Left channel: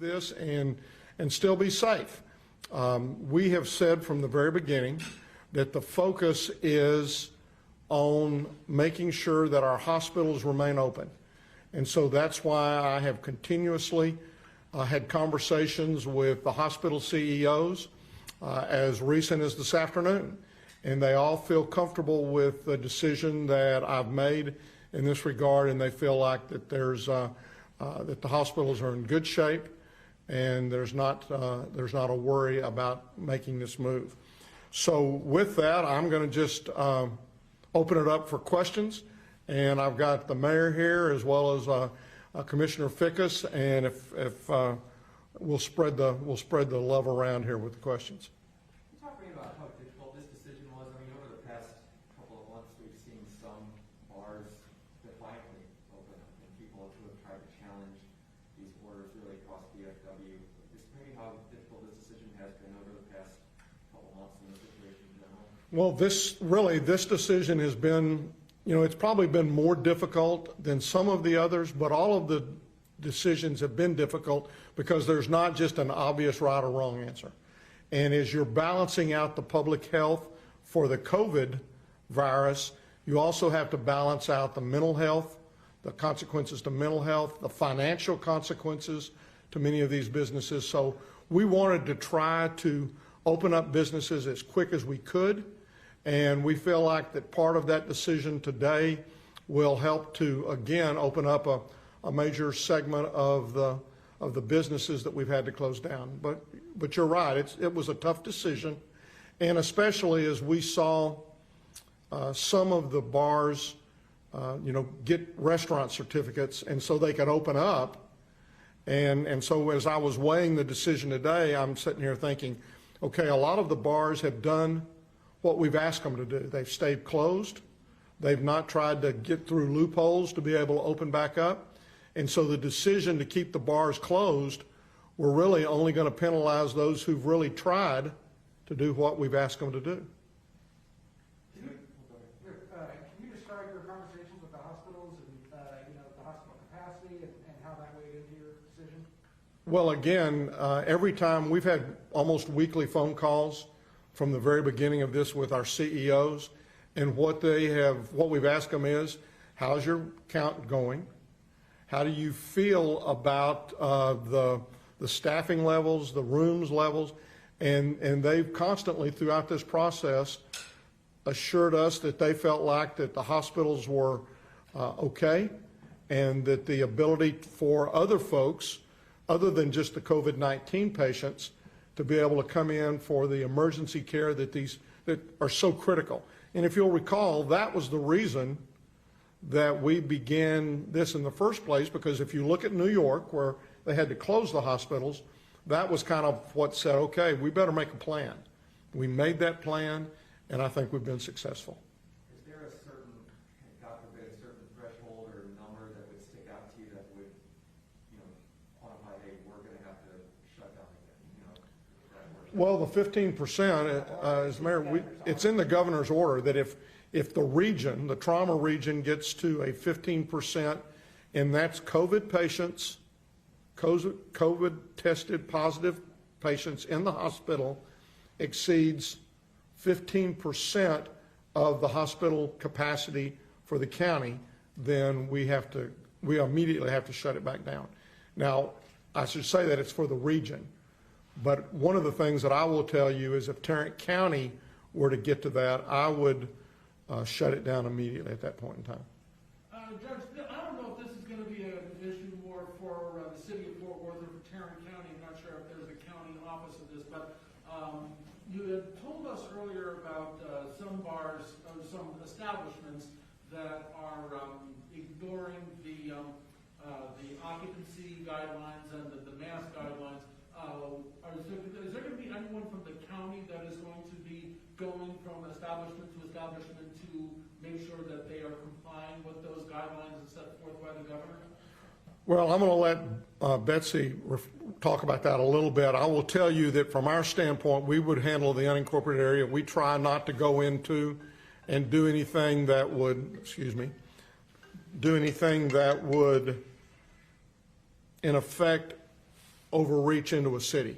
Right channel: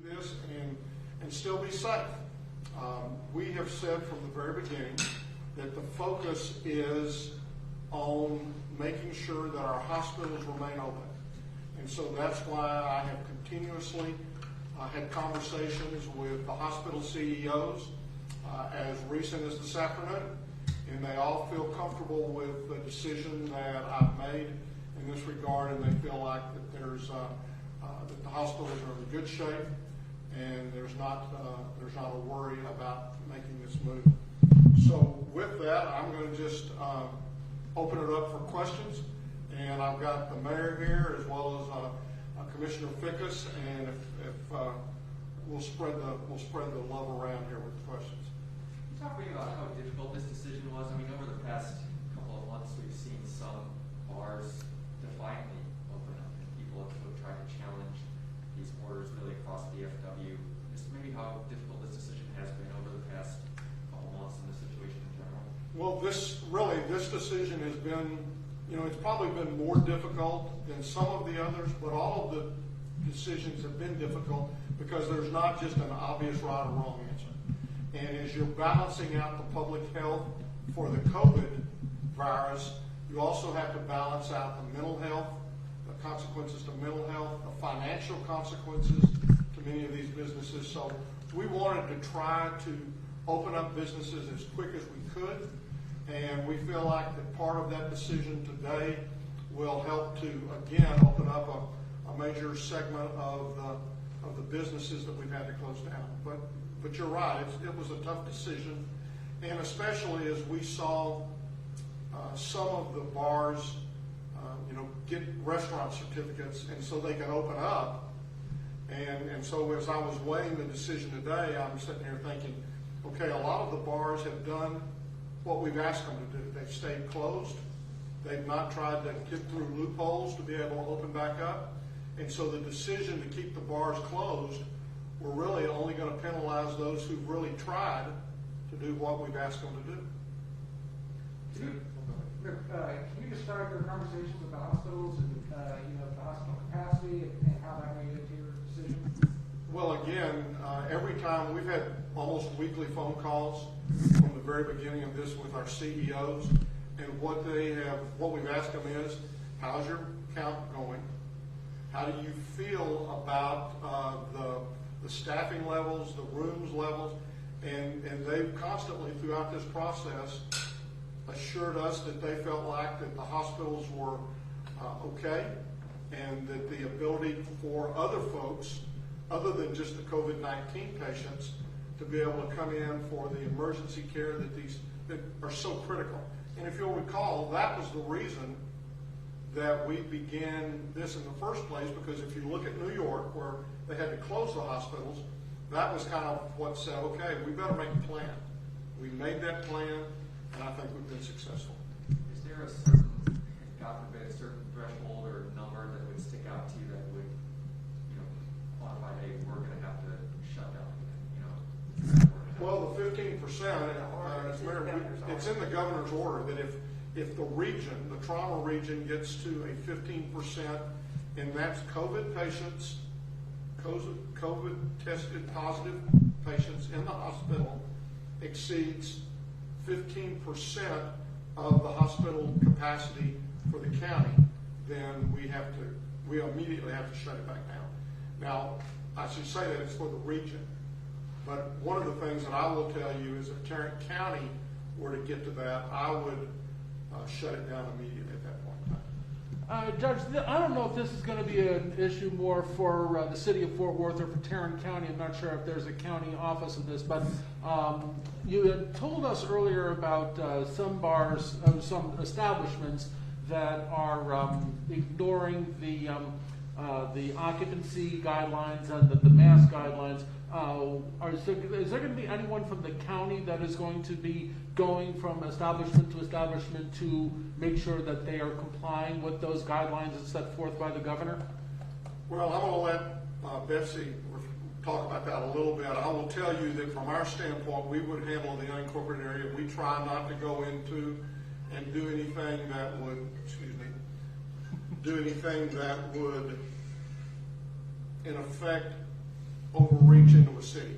this and still be safe. We have said from the very beginning that the focus is on making sure that our hospitals remain open. And so that's why I have continuously had conversations with the hospital CEOs as recent as this afternoon. And they all feel comfortable with the decision that I've made in this regard, and they feel like that that the hospitals are in good shape, and there's not a worry about making this move. So with that, I'm going to just open it up for questions, and I've got the mayor here as well as Commissioner Fickus, and if we'll spread the love around here with the questions. Talk to me about how difficult this decision was. I mean, over the past couple of months, we've seen some bars defiantly open up, and people have tried to challenge these orders really across the DFW. Just maybe how difficult this decision has been over the past couple of months in this situation in general. Well, this decision has been, it's probably been more difficult than some of the others, but all of the decisions have been difficult because there's not just an obvious right or wrong answer. And as you're balancing out the public health for the COVID virus, you also have to balance out the mental health, the consequences to mental health, the financial consequences to many of these businesses. So we wanted to try to open up businesses as quick as we could. And we feel like that part of that decision today will help to, again, open up a major segment of the businesses that we've had to close down. But you're right, it was a tough decision, and especially as we saw some of the bars, get restaurant certificates, and so they could open up. And so as I was weighing the decision today, I'm sitting here thinking, okay, a lot of the bars have done what we've asked them to do. They've stayed closed. They've not tried to get through loopholes to be able to open back up. And so the decision to keep the bars closed, we're really only going to penalize those who've really tried to do what we've asked them to do. Can you describe your conversations with the hospitals and the hospital capacity and how that weighed into your decision? Well, again, every time we've had almost weekly phone calls from the very beginning of this with our CEOs, and what we've asked them is, how's your count going? How do you feel about the staffing levels, the rooms levels? And they've constantly throughout this process assured us that they felt like that the hospitals were okay, and that the ability for other folks, other than just the COVID-19 patients, to be able to come in for the emergency care that are so critical. And if you'll recall, that was the reason that we began this in the first place, because if you look at New York, where they had to close the hospitals, that was kind of what said, okay, we better make a plan. We made that plan, and I think we've been successful. Is there a certain, God forbid, a certain threshold or number that would stick out to you that would, quantify, hey, we're going to have to shut down? Well, the 15%, as Mayor, it's in the governor's order that if the region, the trauma region, gets to a 15%, and that's COVID patients, COVID tested positive patients in the hospital exceeds 15% of the hospital capacity for the county, then we immediately have to shut it back down. Now, I should say that it's for the region, but one of the things that I will tell you is if Tarrant County were to get to that, I would shut it down immediately at that point in time. Judge, I don't know if this is going to be an issue more for the city of Fort Worth or for Tarrant County. I'm not sure if there's a county office of this, but you had told us earlier about some bars, some establishments that are ignoring the occupancy guidelines and the mask guidelines. Is there going to be anyone from the county that is going to be going from establishment to make sure that they are complying with those guidelines as set forth by the governor? Well, I'm going to let Betsy talk about that a little bit. I will tell you that from our standpoint, we would handle the unincorporated area. We try not to go into and do anything that would, in effect, overreach into a city.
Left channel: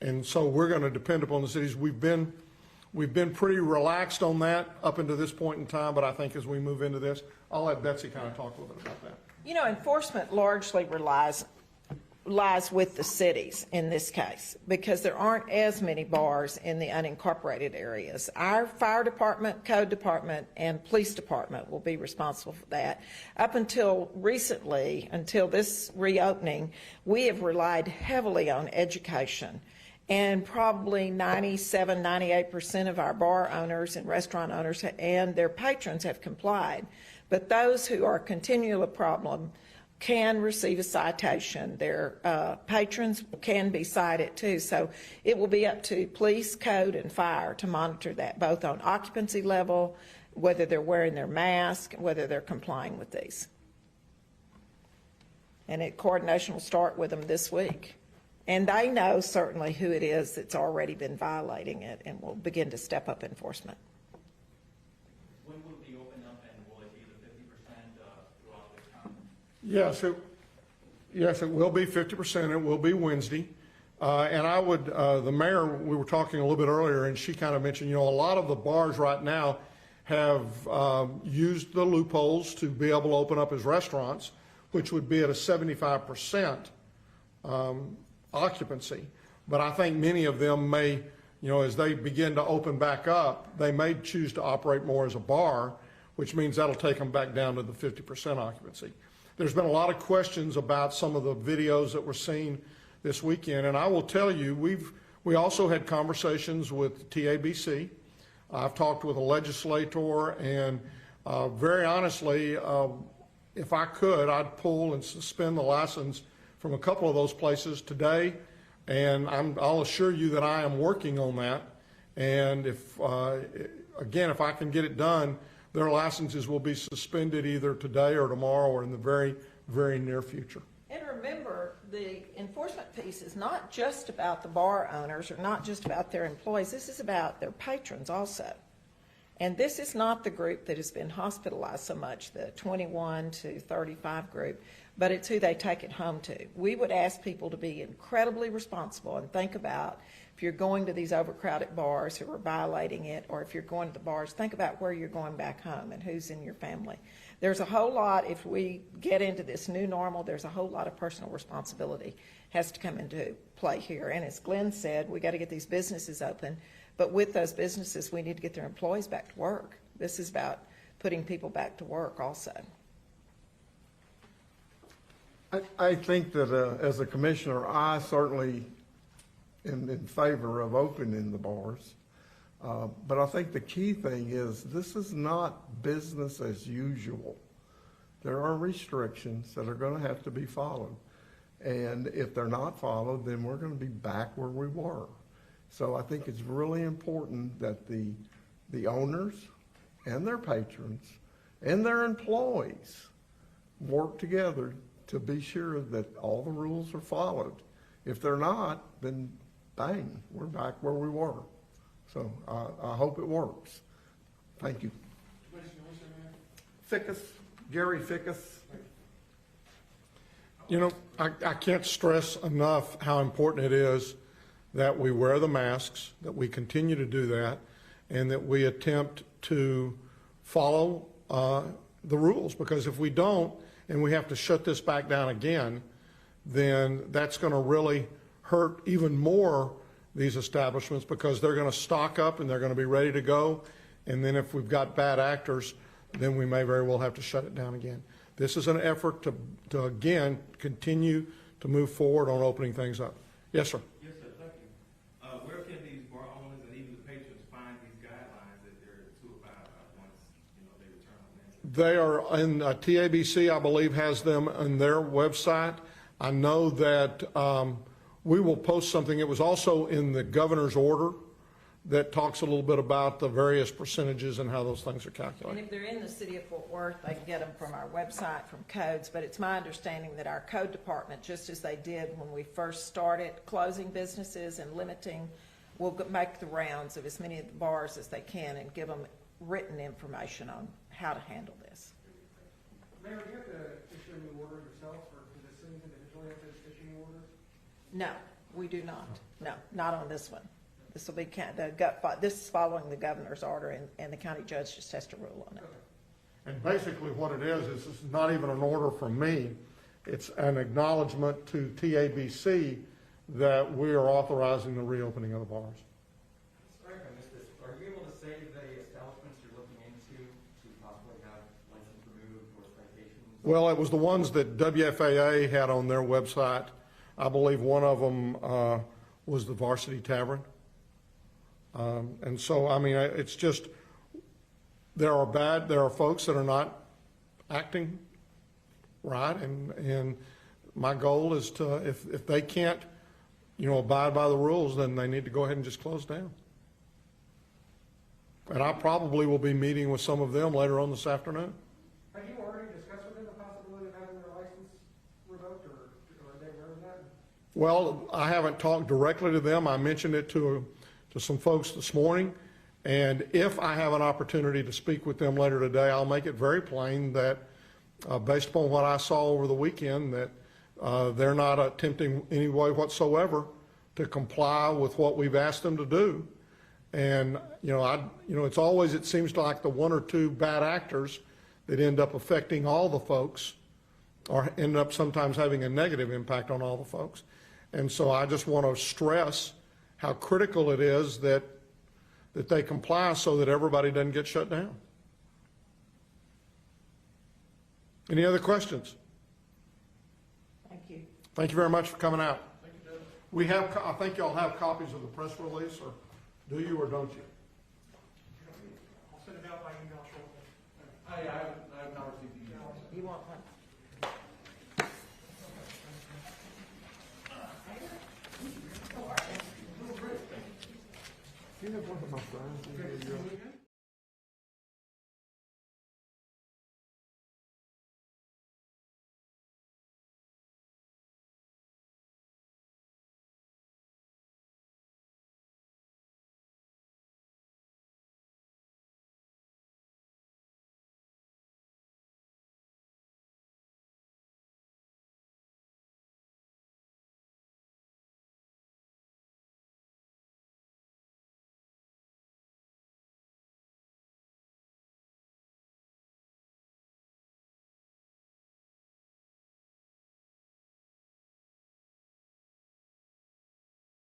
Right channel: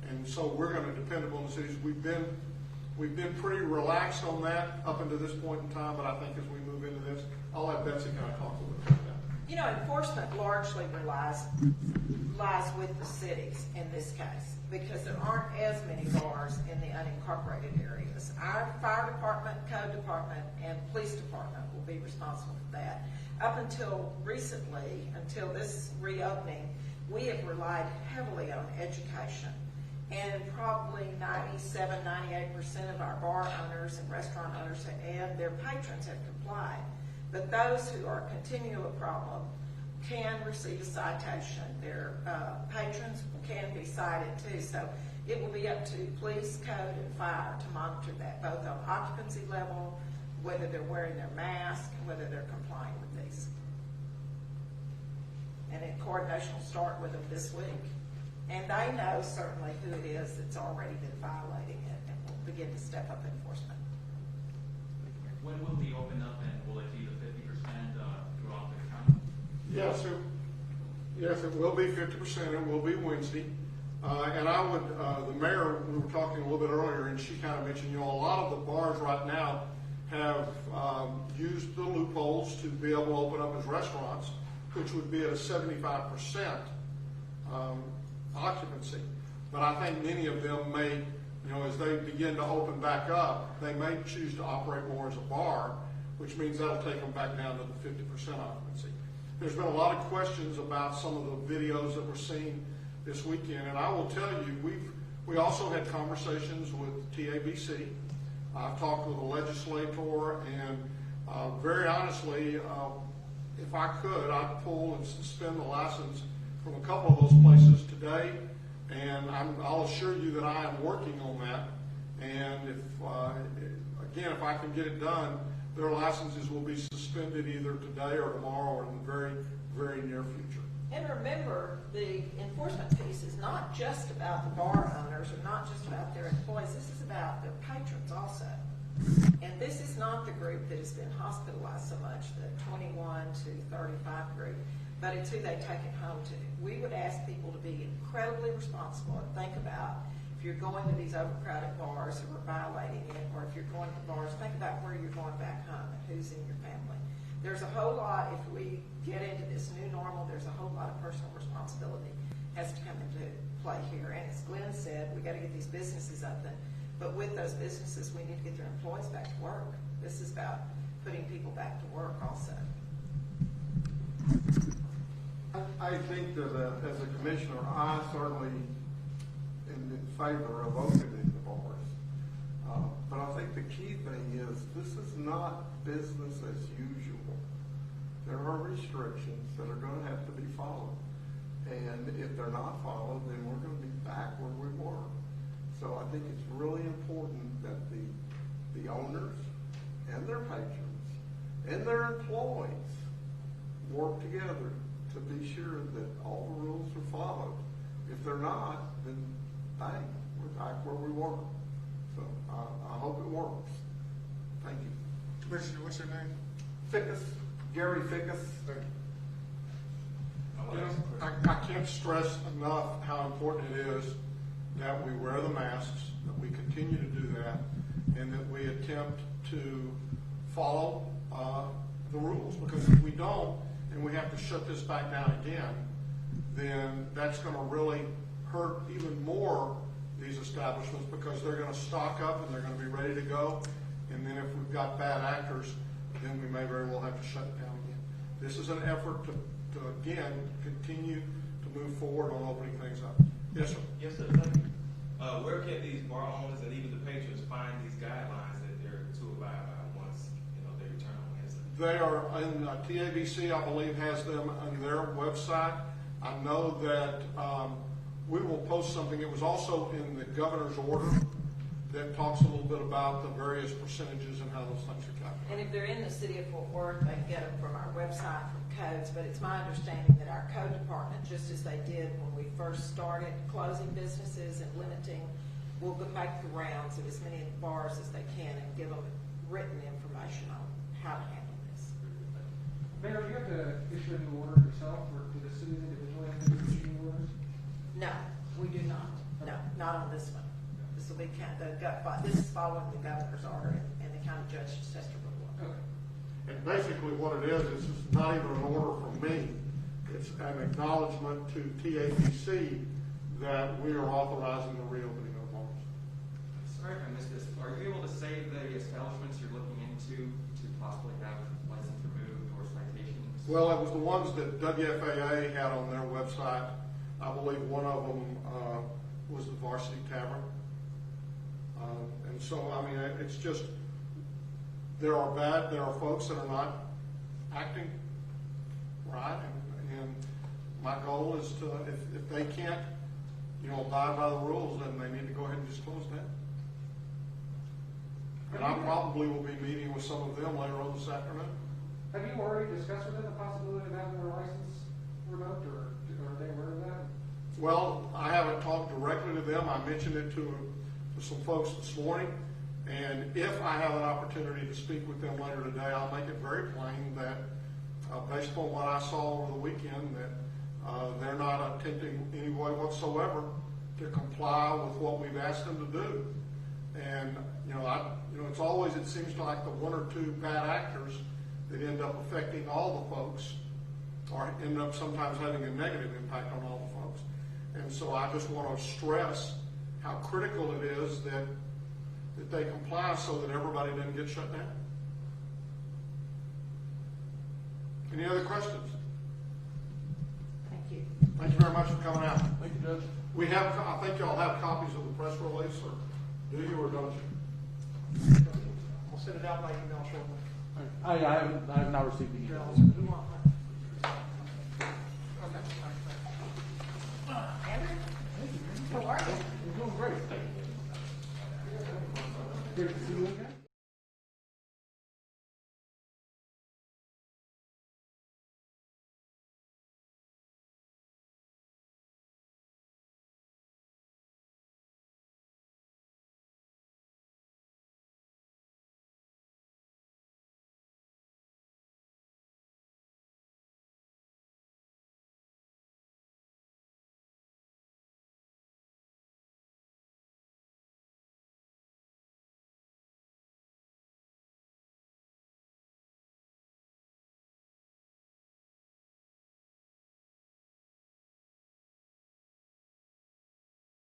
And so we're going to depend upon the cities. We've been pretty relaxed on that up until this point in time, but I think as we move into this, I'll let Betsy kind of talk a little bit about that. You know, enforcement largely lies with the cities in this case, because there aren't as many bars in the unincorporated areas. Our fire department, code department, and police department will be responsible for that. Up until recently, until this reopening, we have relied heavily on education. And probably 97, 98% of our bar owners and restaurant owners and their patrons have complied. But those who are continually a problem can receive a citation. Their patrons can be cited too. So it will be up to police, code, and fire to monitor that, both on occupancy level, whether they're wearing their mask, whether they're complying with these. And coordination will start with them this week. And they know certainly who it is that's already been violating it, and will begin to step up enforcement. When will we open up, and will it be the 50% throughout the county? Yes, it will be 50%. It will be Wednesday. And I would, the mayor, we were talking a little bit earlier, and she kind of mentioned, you know, a lot of the bars right now have used the loopholes to be able to open up as restaurants, which would be at a 75% occupancy. But I think many of them may, you know, as they begin to open back up, they may choose to operate more as a bar, which means that'll take them back down to the 50% occupancy. There's been a lot of questions about some of the videos that we're seeing this weekend, and I will tell you, we also had conversations with TABC. I've talked with a legislator, and very honestly, if I could, I'd pull and suspend the license from a couple of those places today, and I'll assure you that I am working on that. And if I can get it done, their licenses will be suspended either today or tomorrow or in the very, very near future. And remember, the enforcement piece is not just about the bar owners or not just about their employees. This is about their patrons also. And this is not the group that has been hospitalized so much, the 21 to 35 group, but it's who they take it home to. We would ask people to be incredibly responsible and think about, if you're going to these overcrowded bars who are violating it, or if you're going to the bars, think about where you're going back home and who's in your family. There's a whole lot, if we get into this new normal, there's a whole lot of personal responsibility has to come into play here. And as Glenn said, we got to get these businesses open, but with those businesses, we need to get their employees back to work. This is about putting people back to work also. I think that as a commissioner, I certainly am in favor of opening the bars. But I think the key thing is this is not business as usual. There are restrictions that are going to have to be followed. And if they're not followed, then we're going to be back where we were. So I think it's really important that the owners and their patrons and their employees work together to be sure that all the rules are followed. If they're not, then bang, we're back where we were. So I hope it works. Thank you. Commissioner, what's your name? Fickus, Gary Fickus. You know, I can't stress enough how important it is that we wear the masks, that we continue to do that, and that we attempt to follow the rules. Because if we don't, and we have to shut this back down again, then that's going to really hurt even more these establishments, because they're going to stock up and they're going to be ready to go. And then if we've got bad actors, then we may very well have to shut it down again. This is an effort to again, continue to move forward on opening things up. Yes, sir. Yes, sir. Thank you. Where can these bar owners and even the patrons find these guidelines that they're to abide by once they return on Wednesday? They are in TABC, I believe, has them on their website. I know that we will post something. It was also in the governor's order that talks a little bit about the various percentages and how those things are And calculated. if they're in the city of Fort Worth, they can get them from our website, from codes, but it's my understanding that our code department, just as they did when we first started closing businesses and limiting, will make the rounds of as many of the bars as they can and give them written information on how to handle this. Mayor, do you have to issue any order yourself, or do the cities individually have to issue any No, we do not. No, not on this one. This will be this is following the governor's order, and the county judge just has to rule on it. And basically what it is it's not even an order from me. It's an acknowledgement to TABC that we are authorizing the reopening of the bars. Sorry if I missed this. Are you able to say the establishments you're looking into to possibly have license removed or citations? Well, it was the ones that WFAA had on their website. I believe one of them was the Varsity Tavern. And so, I mean, it's just, there are folks that are not acting right, and my goal is to, if they can't, abide by the rules, then they need to go ahead and just close down. And I probably will be meeting with some of them later on this afternoon. Have you already discussed with them the possibility of having their license revoked, or are they aware of that? Well, I haven't talked directly to them. I mentioned it to some folks this morning. And if I have an opportunity to speak with them later today, I'll make it very plain that based upon what I saw over the weekend, that they're not attempting any way whatsoever to comply with what we've asked them to do. And, it's always, it seems like the one or two bad actors that end up affecting all the folks, or end up sometimes having a negative impact on all the folks. And so I just want to stress how critical it is that they comply so that everybody doesn't get shut down. Any other questions? Thank you. Thank you very much for coming out. Thank you, Judge. We have, I think y'all have copies of the press release, or do you or don't you? We'll send it out by email shortly. I have not received the email. You want